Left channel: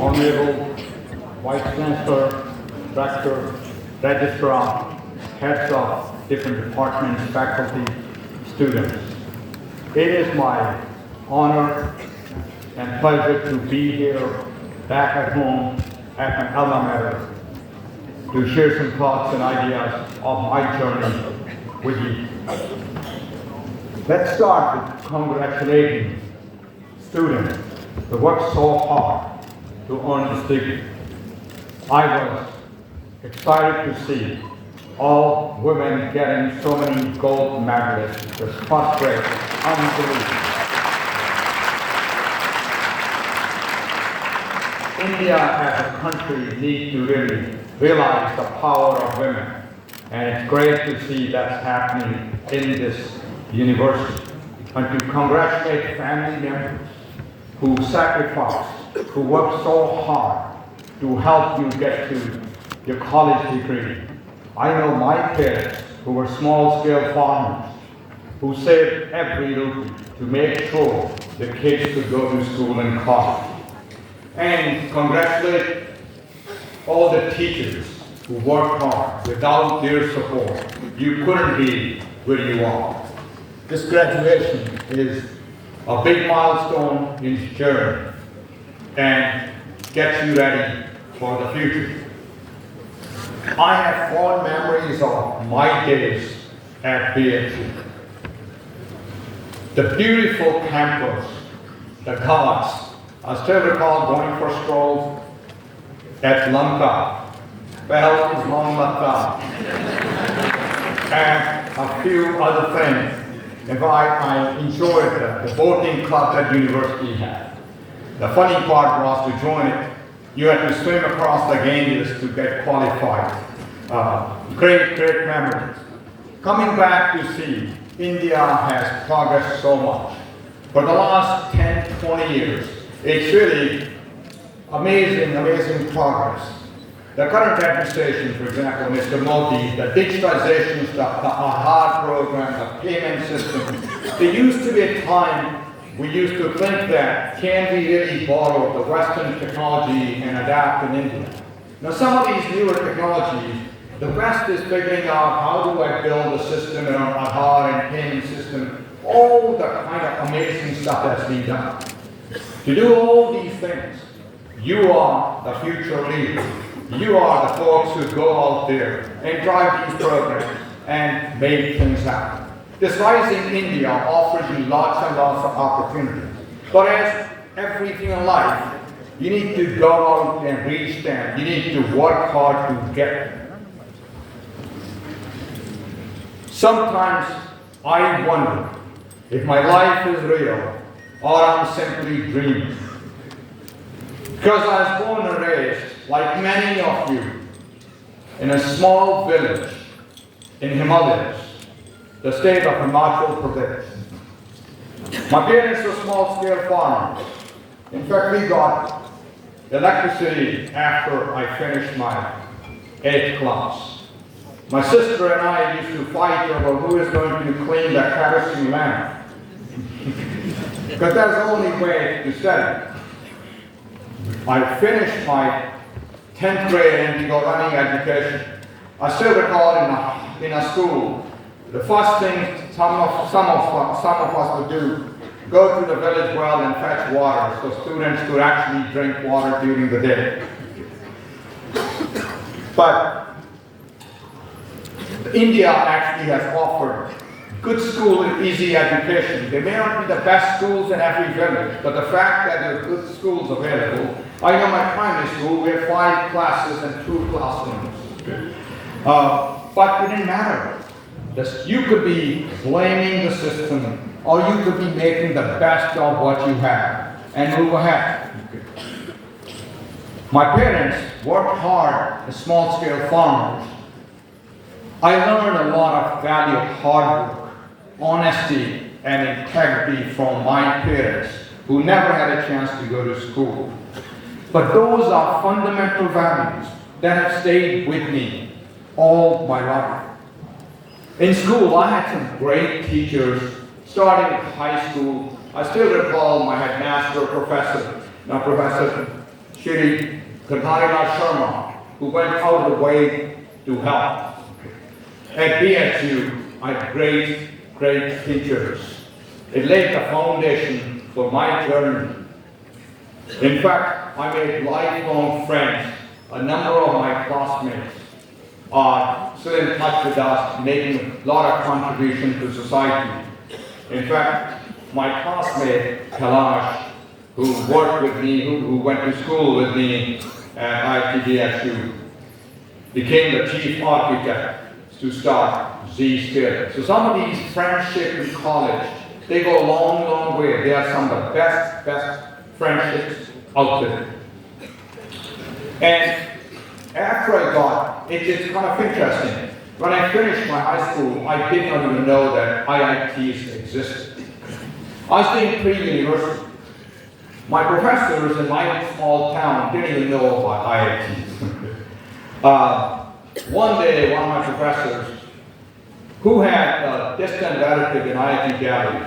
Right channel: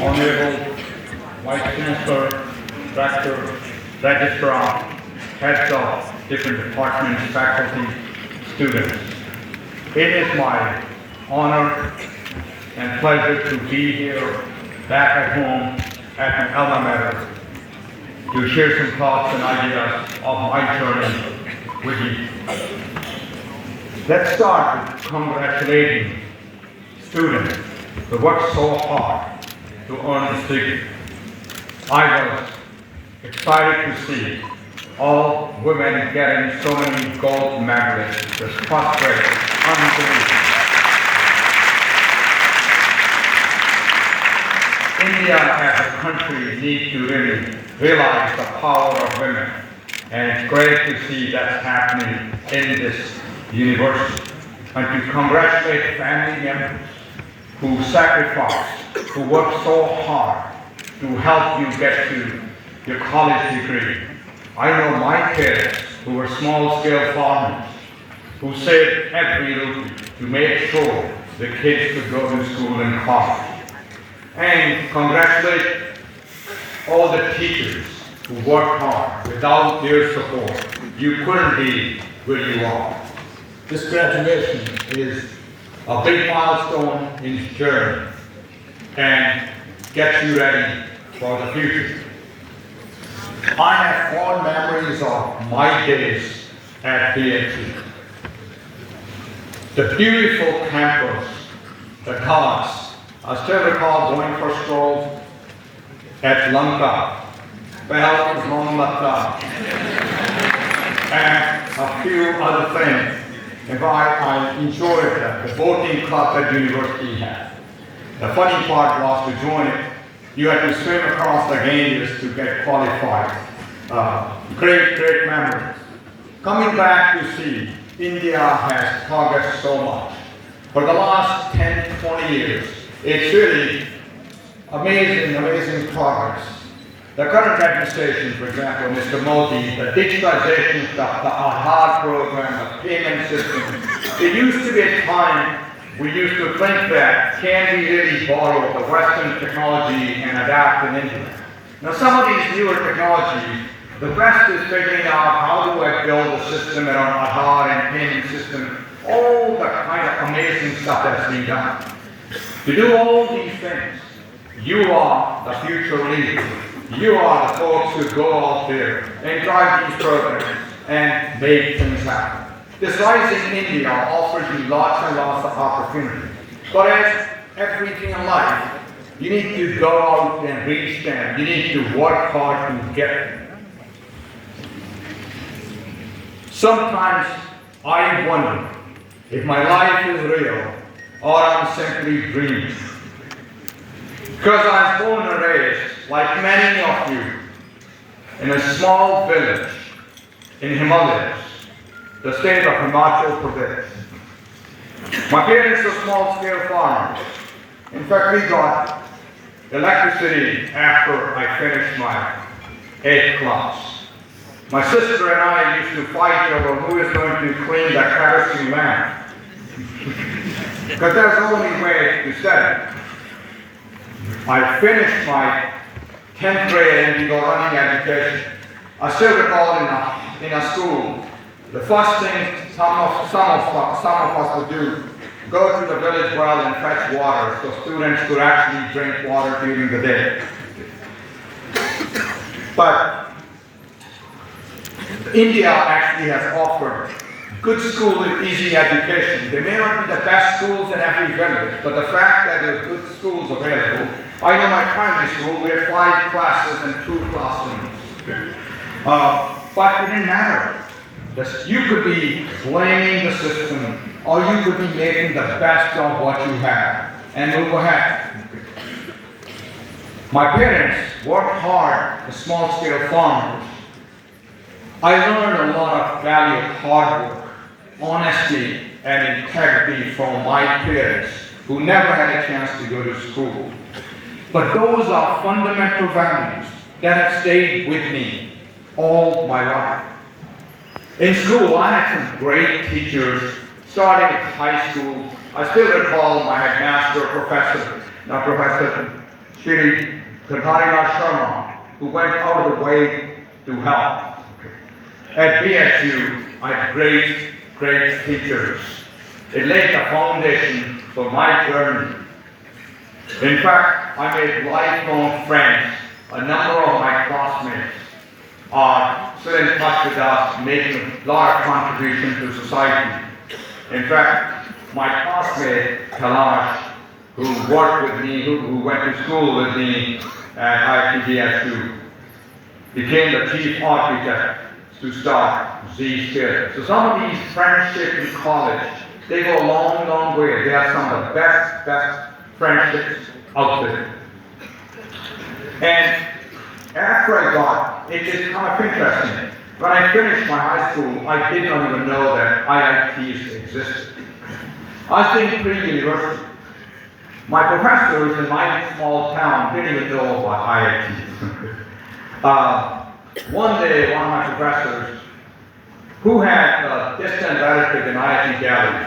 Honorable Vice Chancellor, Rector, Registrar, heads of different departments, faculty, students. It is my honor and pleasure to be here back at home at an alma mater to share some thoughts and ideas of my journey with you. Let's start with congratulating students who worked so hard to earn this degree. I was excited to see all women getting so many gold medals. This first grade, unbelievable. India as a country needs to really realize the power of women, and it's great to see that's happening in this university. And to congratulate family members who sacrificed, who worked so hard to help you get to your college degree. I know my parents who were small-scale farmers who saved every rupee to make sure the kids could go to school and college. And congratulate all the teachers who worked hard. Without their support, you couldn't be where you are. This graduation is a big milestone in your journey and gets you ready for the future. I have fond memories of my days at BHU. The beautiful campus, the class. I still recall going for a stroll at Lanka, Behel Mohammed, and a few other things. And I enjoyed the boating club that university had. The funny part was to join it, you had to swim across the Ganges to get qualified. Great memories. Coming back to see, India has progressed so much. For the last 10, 20 years, it's really amazing progress. The current administration, for example, Mr. Modi, the digitalization stuff, the adhere program, the payment system. There used to be a time we used to think that can we really borrow the Western technology and adapt in India? Now some of these newer technologies, the West is figuring out how do I build a system in our adhere and payment system, all the kind of amazing stuff that's being done. To do all these things, you are the future leader. You are the folks who go out there and drive these programs and make things happen. This rising India offers you lots and lots of opportunities. But as everything in life, you need to go out and reach them. You need to work hard to get them. Sometimes I wonder if my life is real or I'm simply dreaming. Because I was born and raised, like many of you, in a small village in Himalayas, the state of Himachal Pradesh. My parents were small-scale farmers. In fact, we got electricity after I finished my 8th class. My sister and I used to fight over who is going to clean the kerosene lamp. Because that was the only way to study. I finished my 10th grade and we got running education. I still recall in a school, the first thing some of us would do, go to the village well and fetch water so students could actually drink water during the day. But India actually has offered good school and easy education. They may not be the best schools in every village, but the fact that there are good schools available. I know my primary school, we had 5 classes and 2 classrooms. But it didn't matter. You could be blaming the system, or you could be making the best of what you have and move ahead. My parents worked hard as small-scale farmers. I learned a lot of value of hard work, honesty, and integrity from my parents, who never had a chance to go to school. But those are fundamental values that have stayed with me all my life. In school, I had some great teachers, starting at high school. I still recall my headmaster, Professor Shri Sharma, who went out of the way to help. At BHU, I had great teachers. It laid the foundation for my journey. In fact, I made lifelong friends. A number of my classmates are still in touch with us, making a lot of contribution to society. In fact, my classmate, Kailash, who worked with me, who went to school with me at IIT BHU, became the chief architect to start Zscaler. So some of these friendships in college, they go a long way. They are some of the best friendships out there. And after I got, it's kind of interesting. When I finished my high school, I did not even know that IITs existed. I was doing pre-university. My professors in my small town didn't even know about IITs. One day, one of my professors, who had a distant relative in IIT Gallery,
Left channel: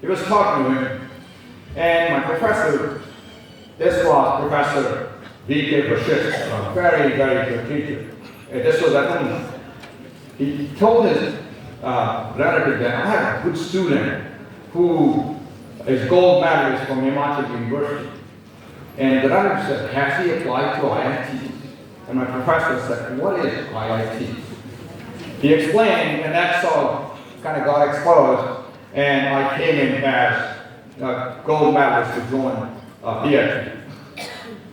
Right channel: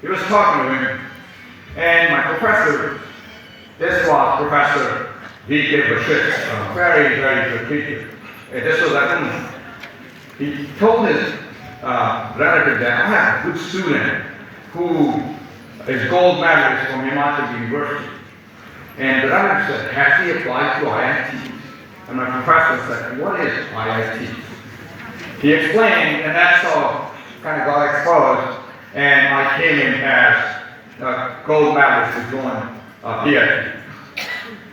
he was talking to him, and my professor, this was Professor V.K. Bashir, a very good teacher. This was like, he told his relative that I have a good student who is gold medalist from Himachal University. And the relative said, has he applied to IIT? And my professor said, what is IIT? He explained, and that's how kind of got exposed, and I came in as a gold medalist to join BHU.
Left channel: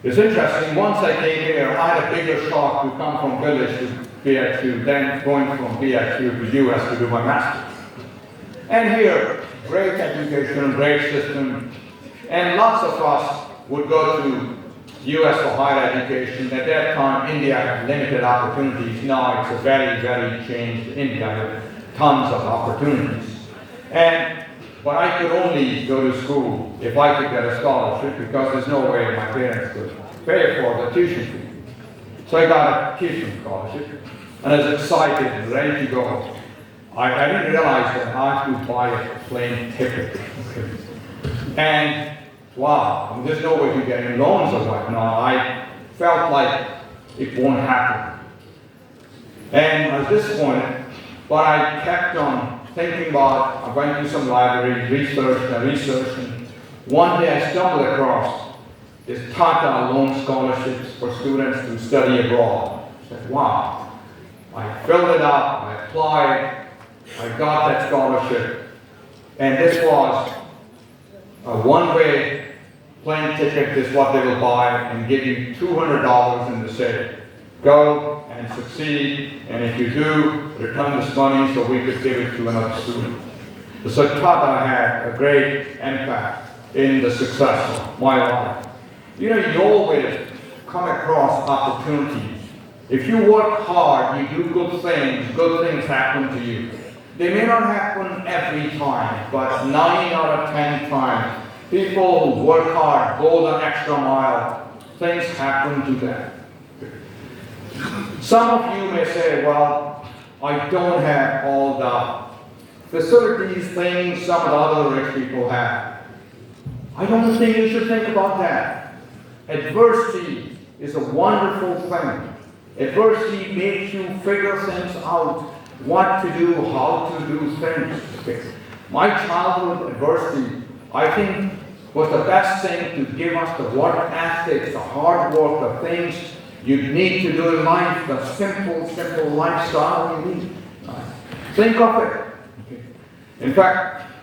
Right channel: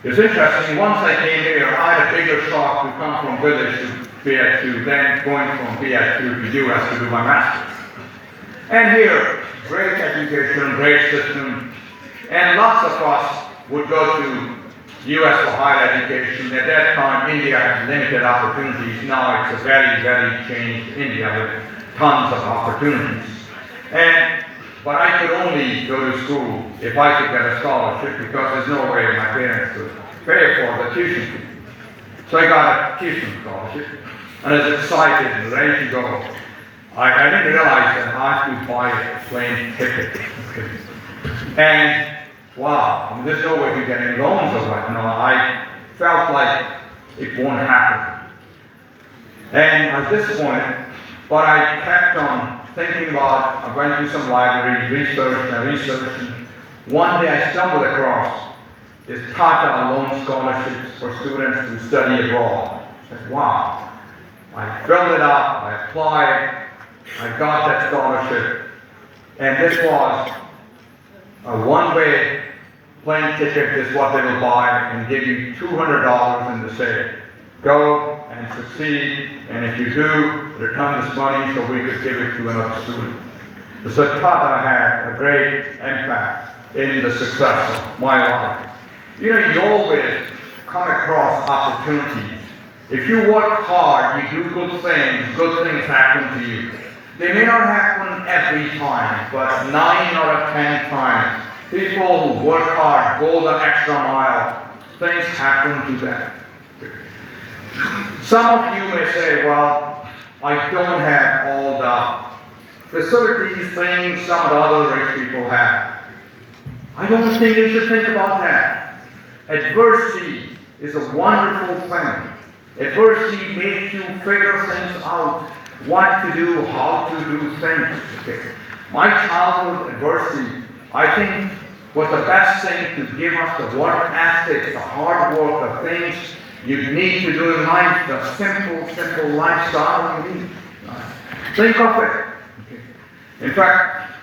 It's interesting, once I came here, I had a bigger shock to come from village to BHU than going from BHU to US to do my master's. And here, great education, great system, and lots of us would go to US for higher education. At that time, India had limited opportunities. Now it's a very changed India with tons of opportunities. But I could only go to school if I could get a scholarship because there's no way my parents could pay for the tuition fee. So I got a tuition scholarship and I was excited and ready to go. I didn't realize that I had to buy a plane ticket. And wow, there's no way to get any loans or what. No, I felt like it won't happen. And at this point, but I kept on thinking about, I went to some libraries, researched, and one day I stumbled across this Tata loan scholarships for students to study abroad. I said, wow. I filled it up, I applied, I got that scholarship, and this was a one-way plane ticket is what they will buy and give you $200 and they say, go and succeed, and if you do, return this money so we could give it to another student. So Tata had a great impact in the success of my life. You know, you always come across opportunities. If you work hard, you do good things happen to you. They may not happen every time, but 9 out of 10 times, people who work hard, go the extra mile, things happen to them. Some of you may say, well, I don't have all the facilities, things some of the other rich people have. I don't think you should think about that. Adversity is a wonderful thing. Adversity makes you figure things out, what to do, how to do things. My childhood adversity, I think, was the best thing to give us the work ethic, the hard work, the things you need to do in life, the simple lifestyle you need. Think of it. In fact,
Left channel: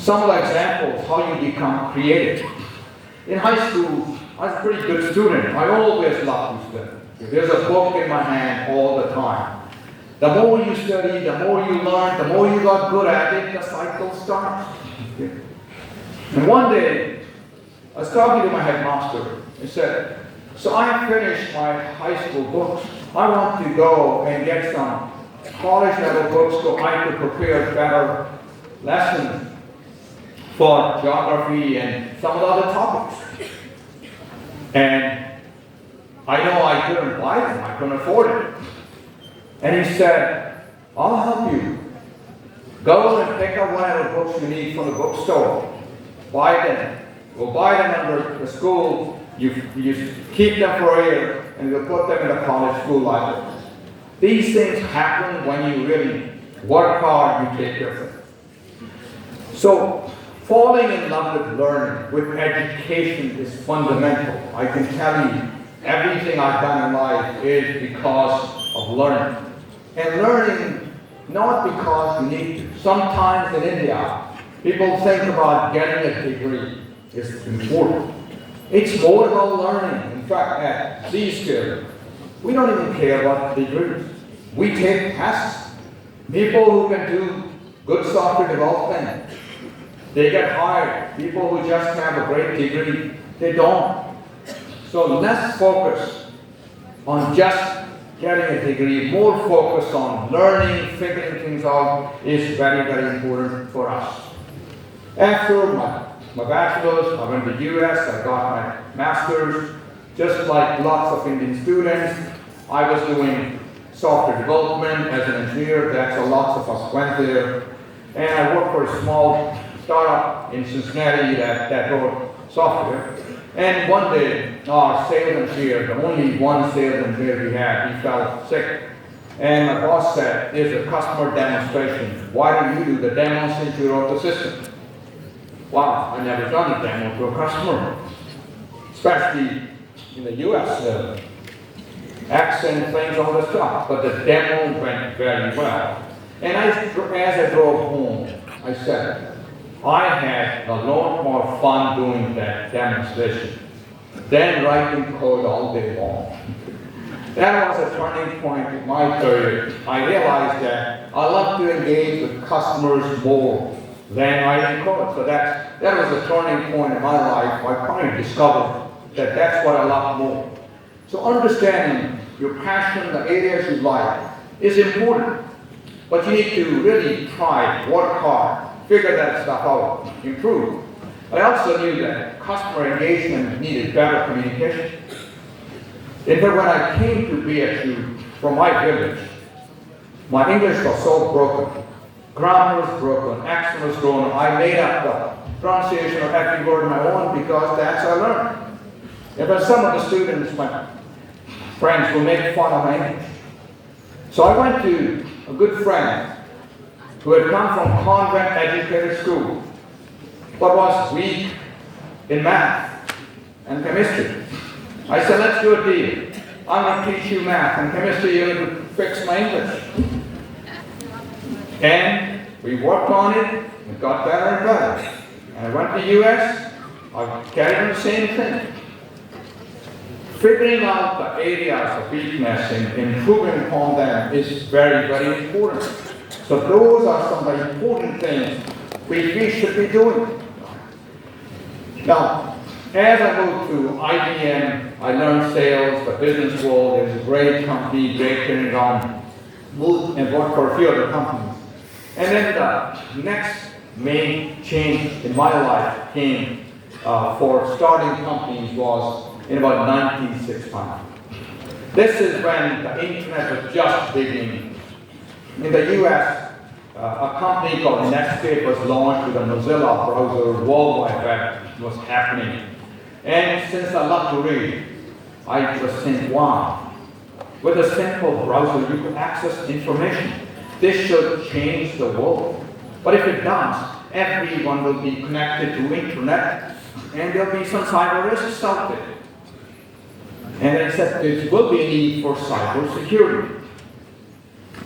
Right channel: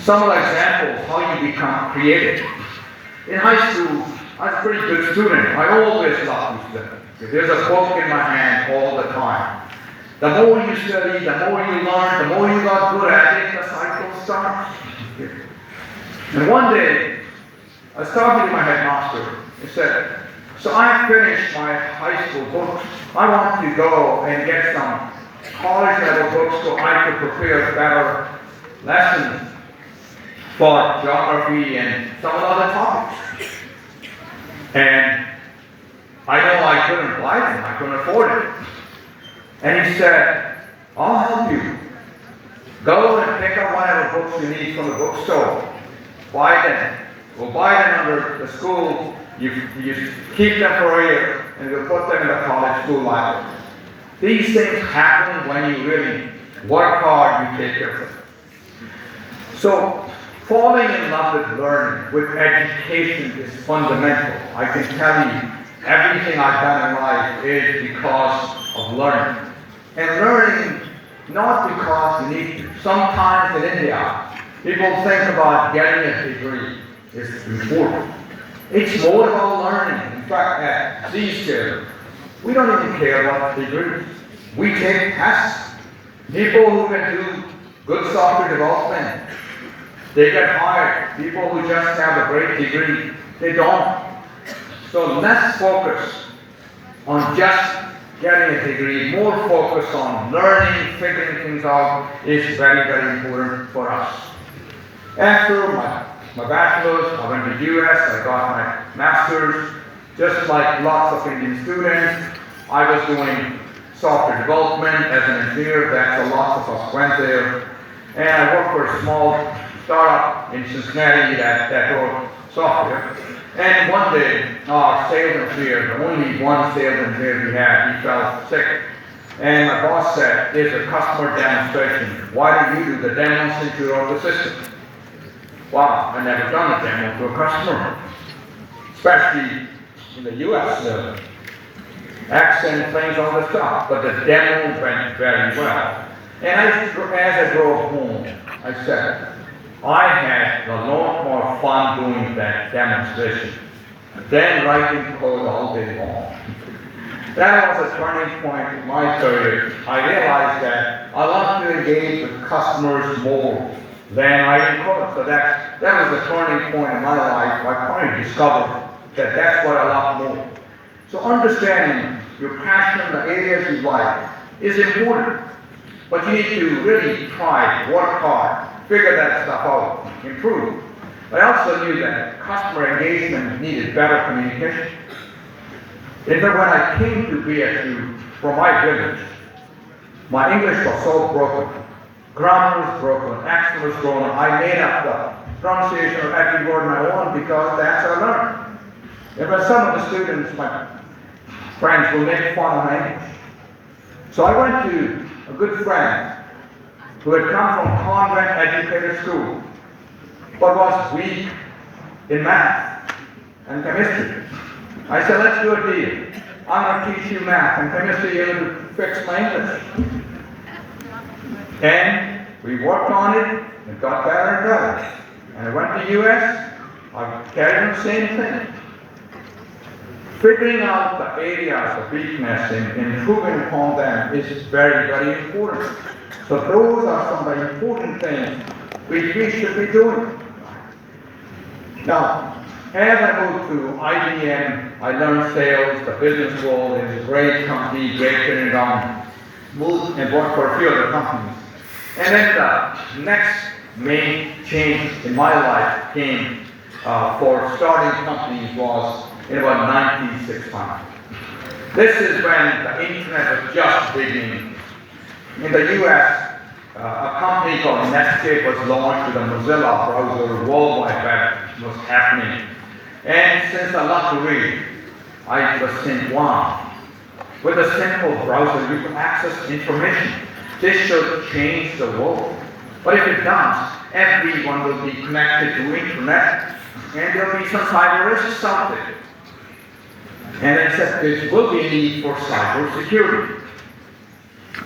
some of the examples how you become creative. In high school, I was a pretty good student. I always loved to study. There's a book in my hand all the time. The more you study, the more you learn, the more you got good at it, the cycle starts. And one day, I was talking to my headmaster. He said, so I finished my high school books. I want to go and get some college level books so I could prepare better lessons for geography and some of the other topics. And I know I couldn't buy them, I couldn't afford it. And he said, I'll help you. Go and pick up whatever books you need from the bookstore. Buy them. will buy them under the school, you keep them for a year, and you put them in the college school library. These things happen when you really work hard, you take care of it. So, falling in love with learning, with education is fundamental. I can tell you, everything I've done in life is because of learning. And learning, not because you need to. Sometimes in India, people think about getting a degree is important. It's more about learning. In fact, at Zscaler, we don't even care about degrees. We take tests. People who can do good software development, they get hired. People who just have a great degree, they don't. So less focus on just getting a degree, more focus on learning, figuring things out is very, very important for us. After my bachelor's, I went to US, I got my master's. Just like lots of Indian students, I was doing software development as an engineer. That's a lot of us went there. And I worked for a small startup in Cincinnati that wrote software. And one day, our sales engineer, the only one sales engineer we had, he fell sick. And my boss said, "Here's a customer demonstration. Why don't you do the demo since you wrote the system?" Wow, I never done a demo to a customer, especially in the US. Accent things, all this stuff. But the demo went very well. And as I drove home, I said, I had a lot more fun doing that demonstration than writing code all day long. That was a turning point in my career. I realized that I love to engage with customers more than I code. So that was a turning point in my life. I finally discovered that that's what I love more. So understanding your passion, the areas you like, is important. But you need to really try, work hard, figure that stuff out, improve. I also knew that customer engagement needed better communication. In fact, when I came to BHU from my village, my English was so broken. Grammar was broken, accent was broken. I made up the pronunciation of every word on my own because that's how I learned. And but some of the students, my friends, will make fun of my English. So I went to a good friend who had come from convent educated school, but was weak in math and chemistry. I said, let's do a deal. I'm going to teach you math and chemistry, you're going to fix my English. And we worked on it and got better and better. And I went to the US, I carried on the same thing. Figuring out the areas of weakness and improving upon them is very, very important. So those are some of the important things we should be doing. Now, as I moved through IBM, I learned sales, the business world is a great company, great training ground, moved and worked for a few other companies. And then the next main change in my life came for starting companies was in about 1965. This is when the internet was just beginning. In the US, a company called Netscape was launched with a Mozilla browser, World Wide Web was happening. And since I love to read, I just think, wow, with a simple browser you can access information. This should change the world. But if it does, everyone will be connected to internet, and there'll be some cyber risks out there. And I said there will be a need for cyber security.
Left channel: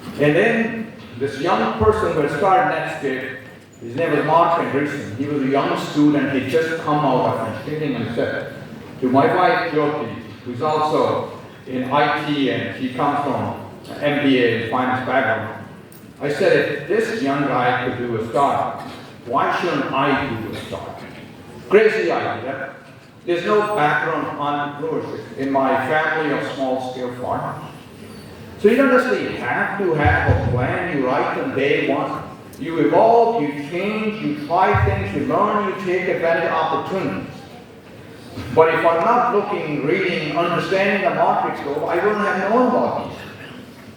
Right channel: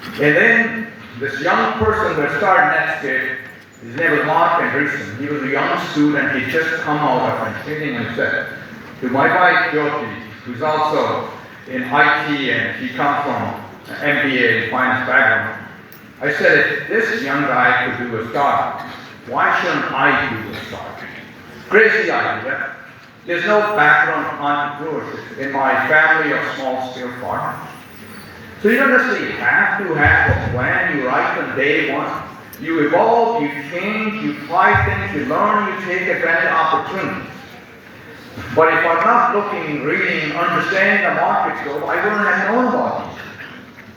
And then this young person who had started Netscape, his name was Mark Anderson. He was a young student. He just come out from training and said to my wife Jyoti, who's also in IT and she comes from MBA and finance background. I said, if this young guy could do a startup, why shouldn't I do a startup? Crazy idea. There's no background on entrepreneurship in my family of small-scale farmers. So you don't necessarily have to have a plan you write on day one. You evolve, you change, you try things, you learn, you take advantage of opportunities. But if I'm not looking, reading, understanding the markets, I wouldn't have known about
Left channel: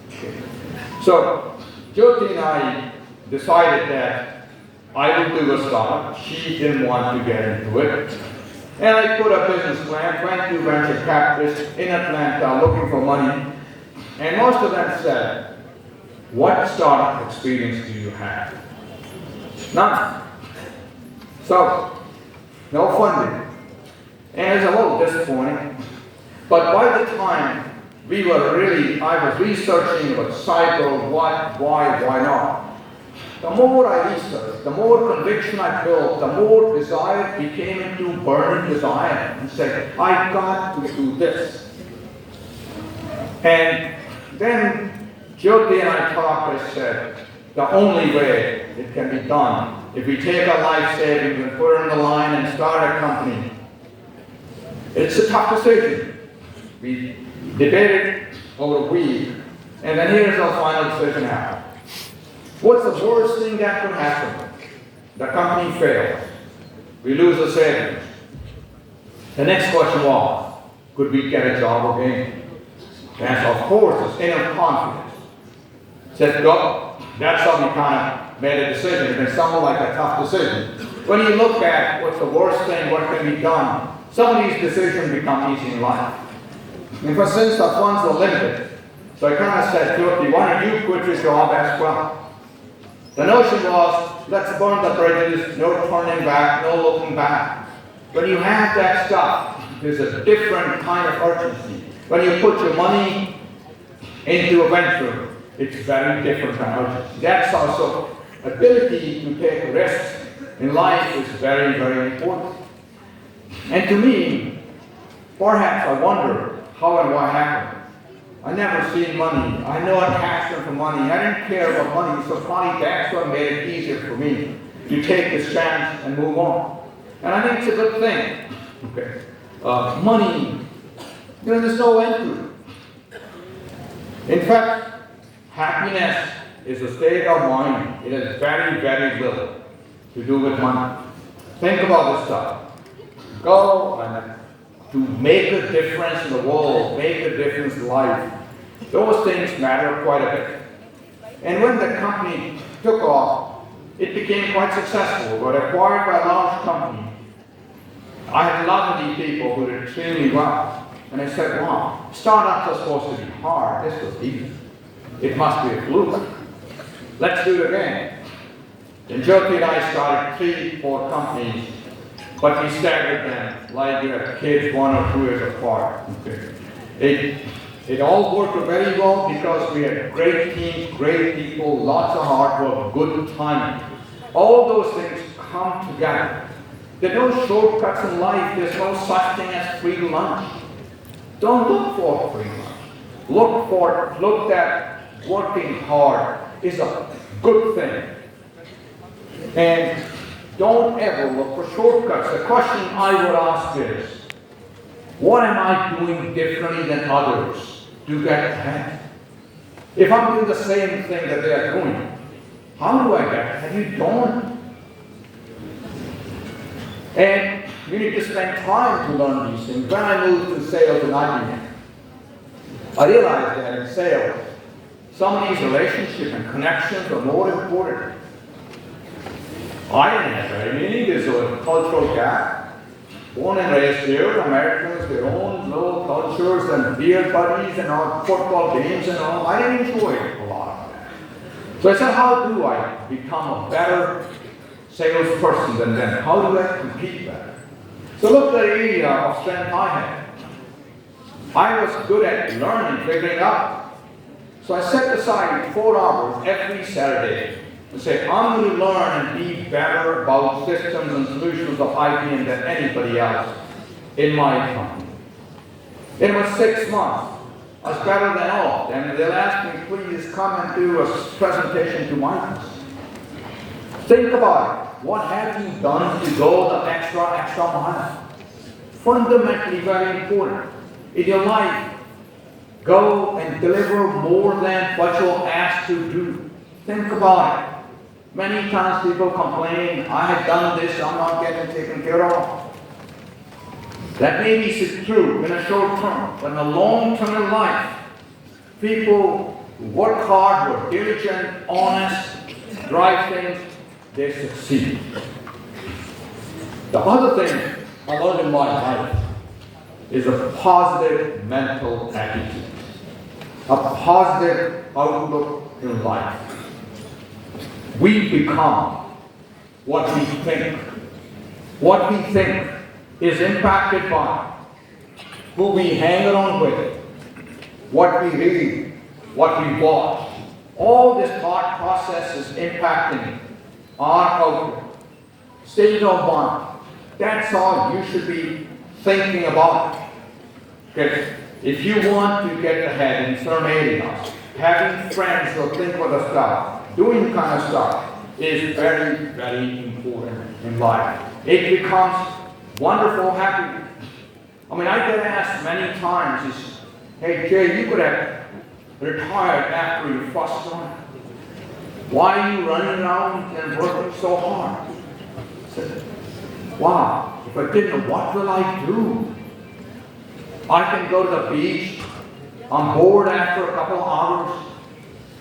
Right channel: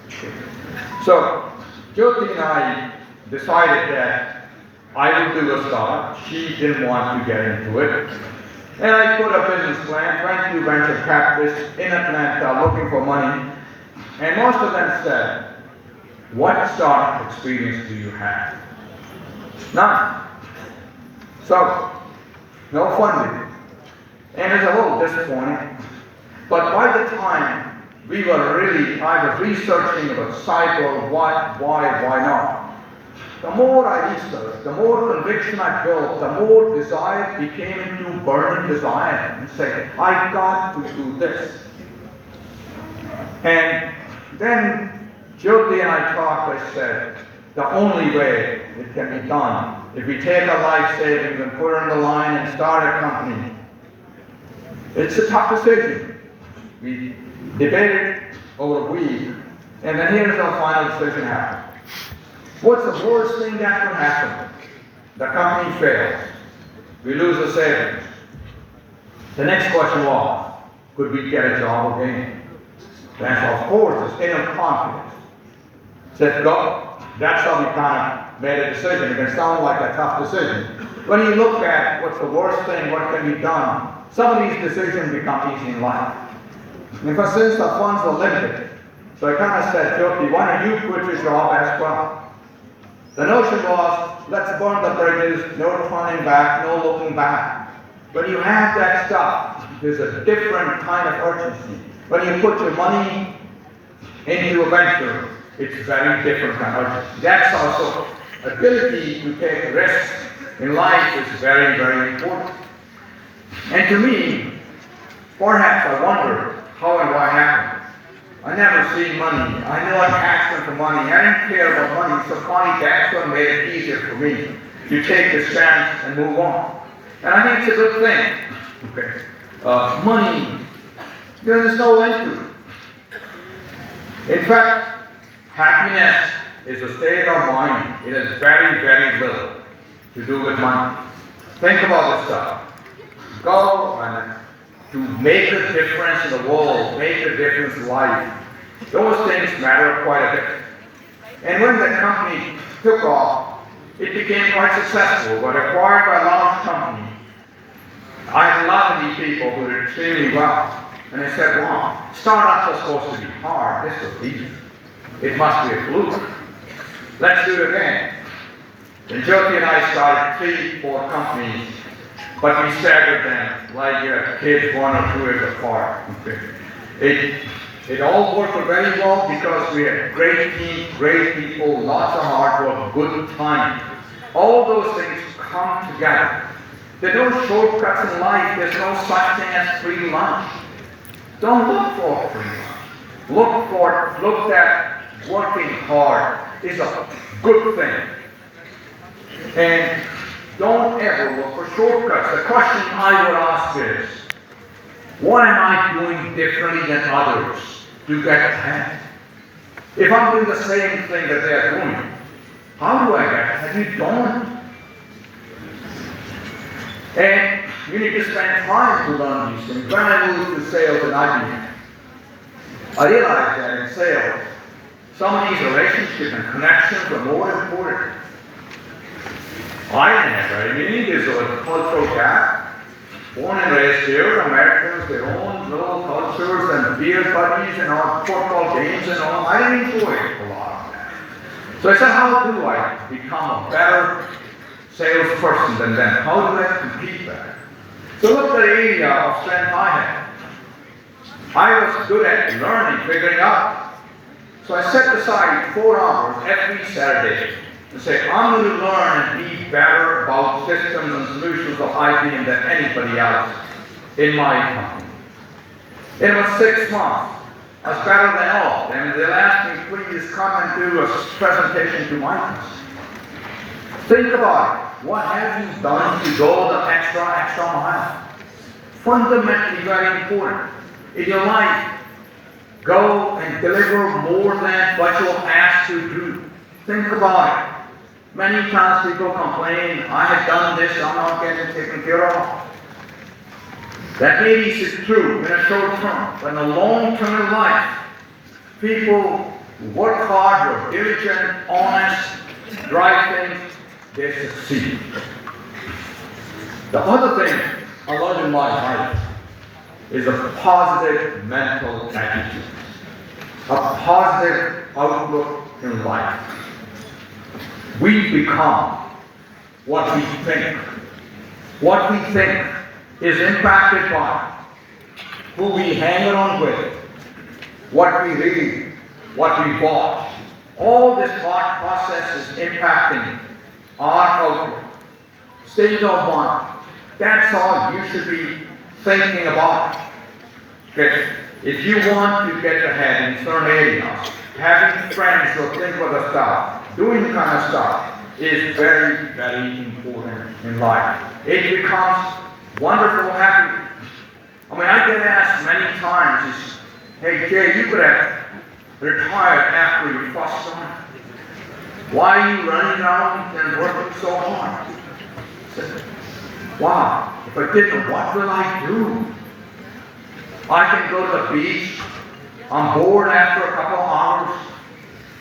it. So Jyoti and I decided that I would do a startup. She didn't want to get into it. And I put a business plan, 22 venture capitalists in Atlanta looking for money, and most of them said, what startup experience do you have? None. So, no funding. And it's a little disappointing. But by the time I was researching about cycle, what, why not. The more I researched, the more conviction I built, the more desire became into burning desire and say, I've got to do this. And then Jyoti and I talked, I said, the only way it can be done, if we take our life savings and put it on the line and start a company, it's a tough decision. We debated over a week, and then here's our final decision happened. What's the worst thing that could happen? The company fails. We lose the savings. The next question was, could we get a job again? The answer, of course, is inner confidence. Said, no, that's how we kind of made a decision. It sounded like a tough decision. When you look at what's the worst thing, what can be done, some of these decisions become easy in life. Because since the funds are limited, so I kind of said, Jyoti, why don't you quit your job as well? The notion was, let's burn the bridges, no turning back, no looking back. When you have that stuff, there's a different kind of urgency. When you put your money into a venture, it's very different kind of urgency. That's also, ability to take risks in life is very, very important. And to me, perhaps I wonder, how and why happened? I never seen money. I know I'm passionate for money. I didn't care about money, so finally that's what made it easier for me. You take this chance and move on. And I think it's a good thing. Okay. Money, there's no end to it. In fact, happiness is a state of mind. It has very, very little to do with money. Think about this stuff. Go and to make a difference in the world, make a difference in life. Those things matter quite a bit. And when the company took off, it became quite successful. Got acquired by a large company. I had a lot of these people who did extremely well. And I said, wow, startups are supposed to be hard. This was easy. It must be a fluke. Let's do it again. And Jyoti and I started 3, 4 companies. But we staggered them like kids 1 or 2 years apart. It all worked very well because we had great team, great people, lots of hard work, good timing. All those things come together. There are no shortcuts in life. There's no such thing as free lunch. Don't look for free lunch. Look at working hard is a good thing. And don't ever look for shortcuts. The question I would ask is, what am I doing differently than others to get ahead? If I'm doing the same thing that they're doing, how do I get ahead? You don't. And you need to spend time to learn these things. When I moved to sales in IBM, I realized that in sales, some of these relationships and connections are more important. I didn't have any. There's a cultural gap. Born and raised here, Americans, their own little cultures and beer parties and all football games and all. I didn't enjoy a lot of that. So I said, how do I become a better salesperson than them? How do I compete better? So look at the area of strength I had. I was good at learning, figuring out. So I set aside 4 hours every Saturday to say, I'm going to learn and be better about systems and solutions of IBM than anybody else in my company. It was 6 months. I was better than all. And they'll ask me, please come and do a presentation to my customer. Think about it. What have you done to go the extra mile? Fundamentally very important. In your life, go and deliver more than what you're asked to do. Think about it. Many times people complain, I have done this, I'm not getting taken care of. That may be true in a short term, but in a long term in life, people who work hard, are diligent, honest, drive things, they succeed. The other thing I learned in in my life is a positive mental attitude, a positive outlook in life. We become what we think. What we think is impacted by who we hang around with, what we read, what we watch. All this thought process is impacting our outlook, state of mind. That's all you should be thinking about. Okay. If you want to get ahead in certain areas, having friends who think of the stuff, doing kind of stuff is very, very important in life. It becomes wonderful, happy. I mean, I get asked many times, hey Jay, you could have retired after your first one. Why are you running around and working so hard? I said, wow, if I didn't, what will I do? I can go to the beach. I'm bored after a couple of hours.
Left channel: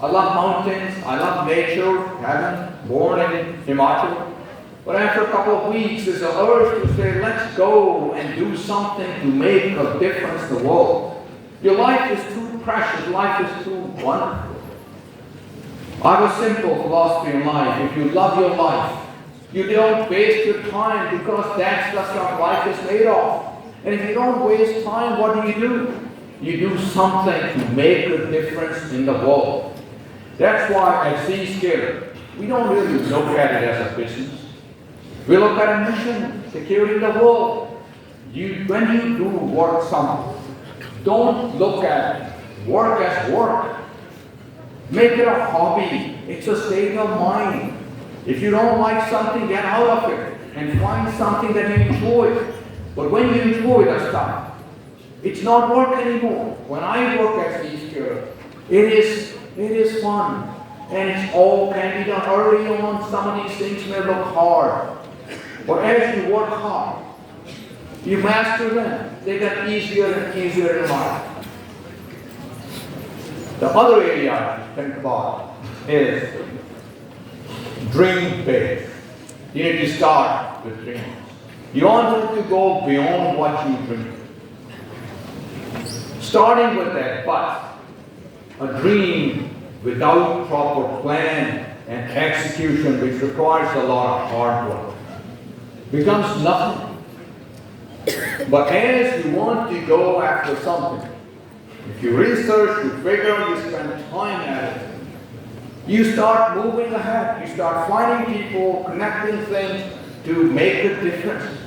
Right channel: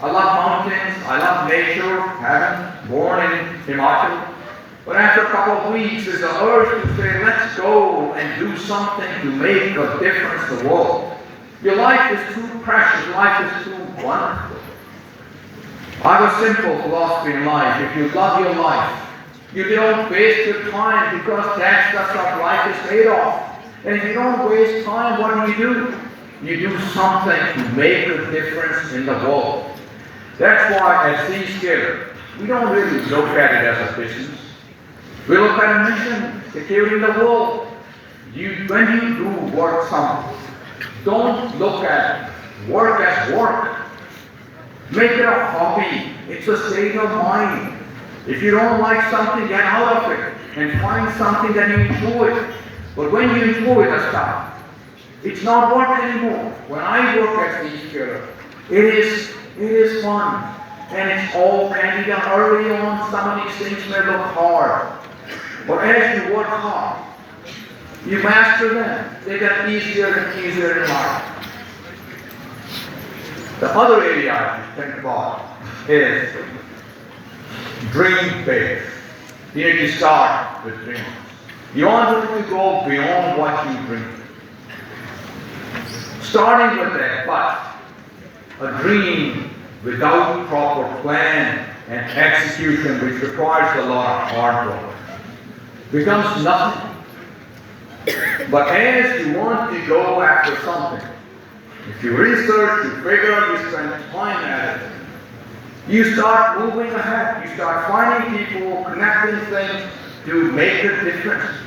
I love mountains. I love nature. Having born in Himachal. But after a couple of weeks, there's an urge to say, let's go and do something to make a difference in the world. Your life is too precious. Life is too wonderful. I have a simple philosophy in life. If you love your life, you don't waste your time because that's what life is made of. And if you don't waste time, what do? You do something to make a difference in the world. That's why at Zscaler, we don't really look at it as a business. We look at a mission, securing the world. When you do work something, don't look at work as work. Make it a hobby. It's a state of mind. If you don't like something, get out of it and find something that you enjoy. But when you enjoy the stuff, it's not work anymore. When I work at Zscaler, it is fun. And it's all can be done early on. Some of these things may look hard. But as you work hard, you master them. They get easier and easier in life. The other area I think about is dream big. You need to start with dreams. You want to go beyond what you dream. Starting with that, but a dream without proper plan and execution, which requires a lot of hard work, becomes nothing. But as you want to go after something, if you research, you figure, you spend time at it, you start moving ahead. You start finding people, connecting things to make a difference.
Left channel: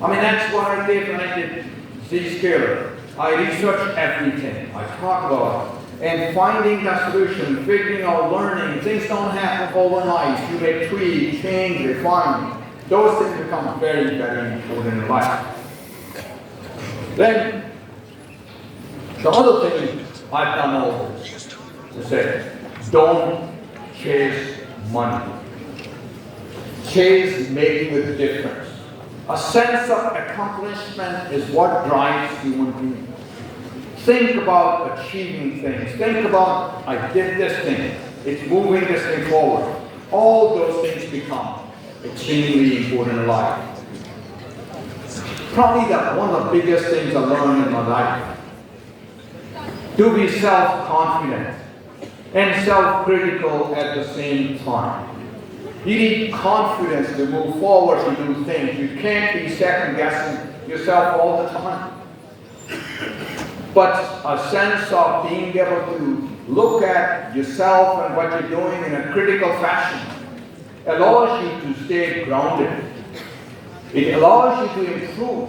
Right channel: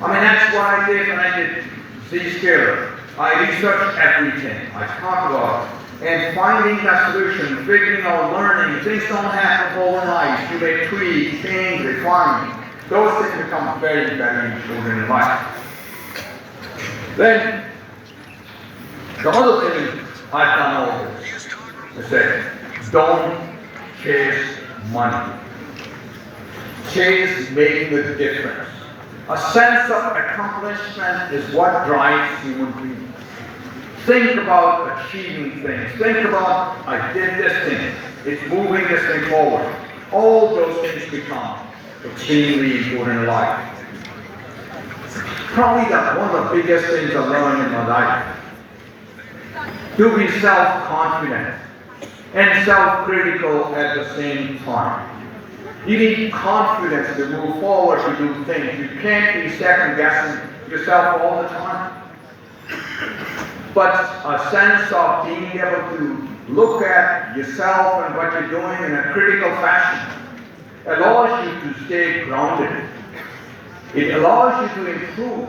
I mean, that's what I did when I did Zscaler. I researched everything. I talked about it. And finding that solution, figuring out, learning, things don't happen overnight. You may tweak, change, refine. Those things become very, very important in life. Then, the other thing I've done over is say, don't chase money. Chase making a difference. A sense of accomplishment is what drives human beings. Think about achieving things. Think about, I did this thing. It's moving this thing forward. All those things become extremely important in life. Probably one of the biggest things I learned in my life. To be self-confident and self-critical at the same time. You need confidence to move forward to do things. You can't be second-guessing yourself all the time. But a sense of being able to look at yourself and what you're doing in a critical fashion allows you to stay grounded. It allows you to improve.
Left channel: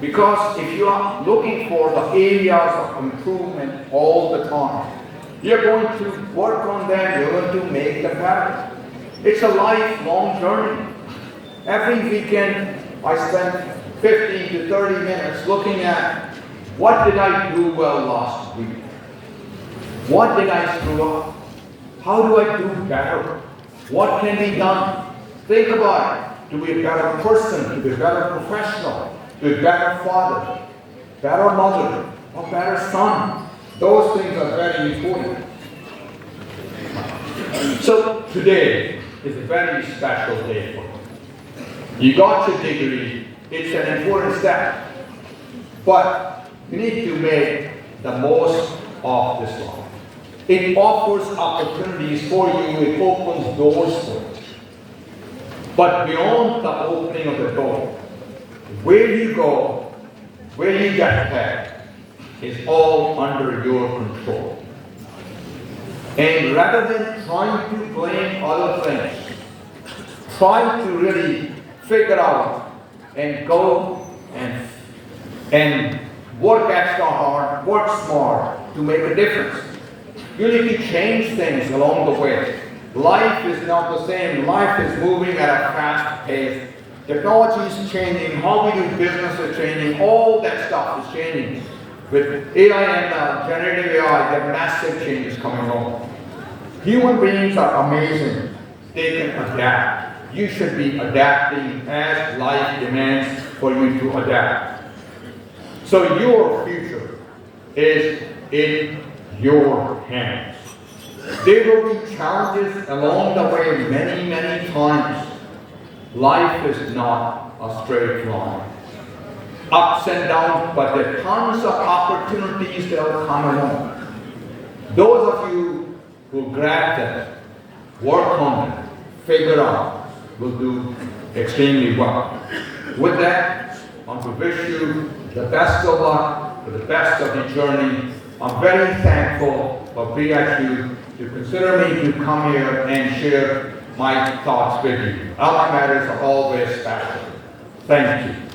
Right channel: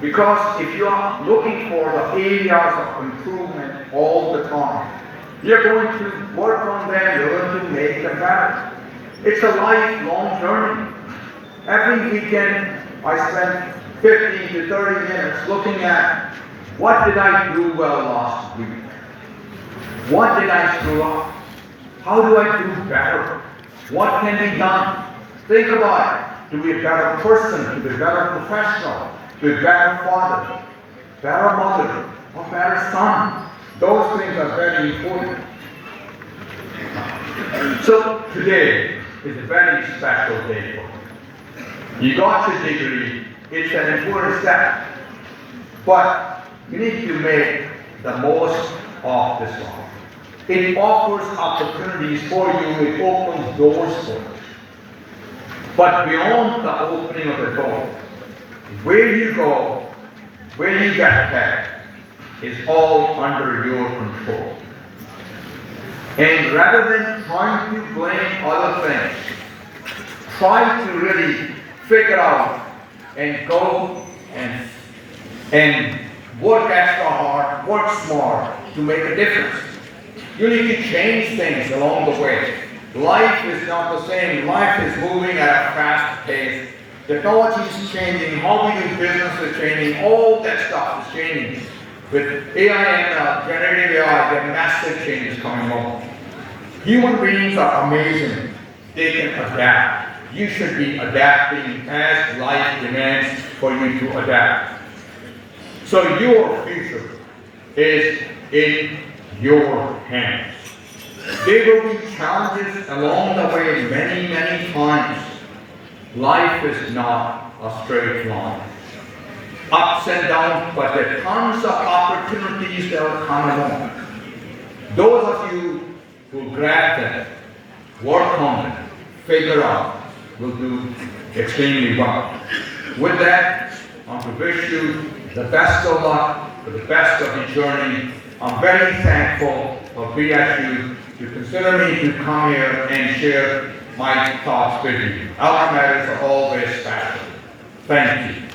Because if you are looking for the areas of improvement all the time, you're going to work on them, you're going to make them better. It's a lifelong journey. Every weekend, I spend 15 to 30 minutes looking at what did I do well last week? What did I screw up? How do I do better? What can be done? Think about it. To be a better person, to be a better professional, to be a better father, better mother, a better son. Those things are very important. So today is a very special day for you. You got your degree, it's an important step. But you need to make the most of this one. It offers opportunities for you, it opens doors for you. But beyond the opening of the door, where you go, where you get paid, is all under your control. And rather than trying to blame other things, try to really figure out and go and work extra hard, work smart to make a difference. You need to change things along the way. Life is not the same. Life is moving at a fast pace. Technology is changing. How we do business is changing. All that stuff is changing. With AI and generative AI, there are massive changes coming on. Human beings are amazing. They can adapt. You should be adapting as life demands for you to adapt. So your future is in your hands. There will be challenges along the way many, many times. Life is not a straight line. Ups and downs, but there are tons of opportunities that will come along. Those of you who grab them, work on it, figure out, will do extremely well. With that, I want to wish you the best of luck, for the best of the journey. I'm very thankful for BHU to consider me to come here and share my thoughts with you. Our matters are always special. Thank you.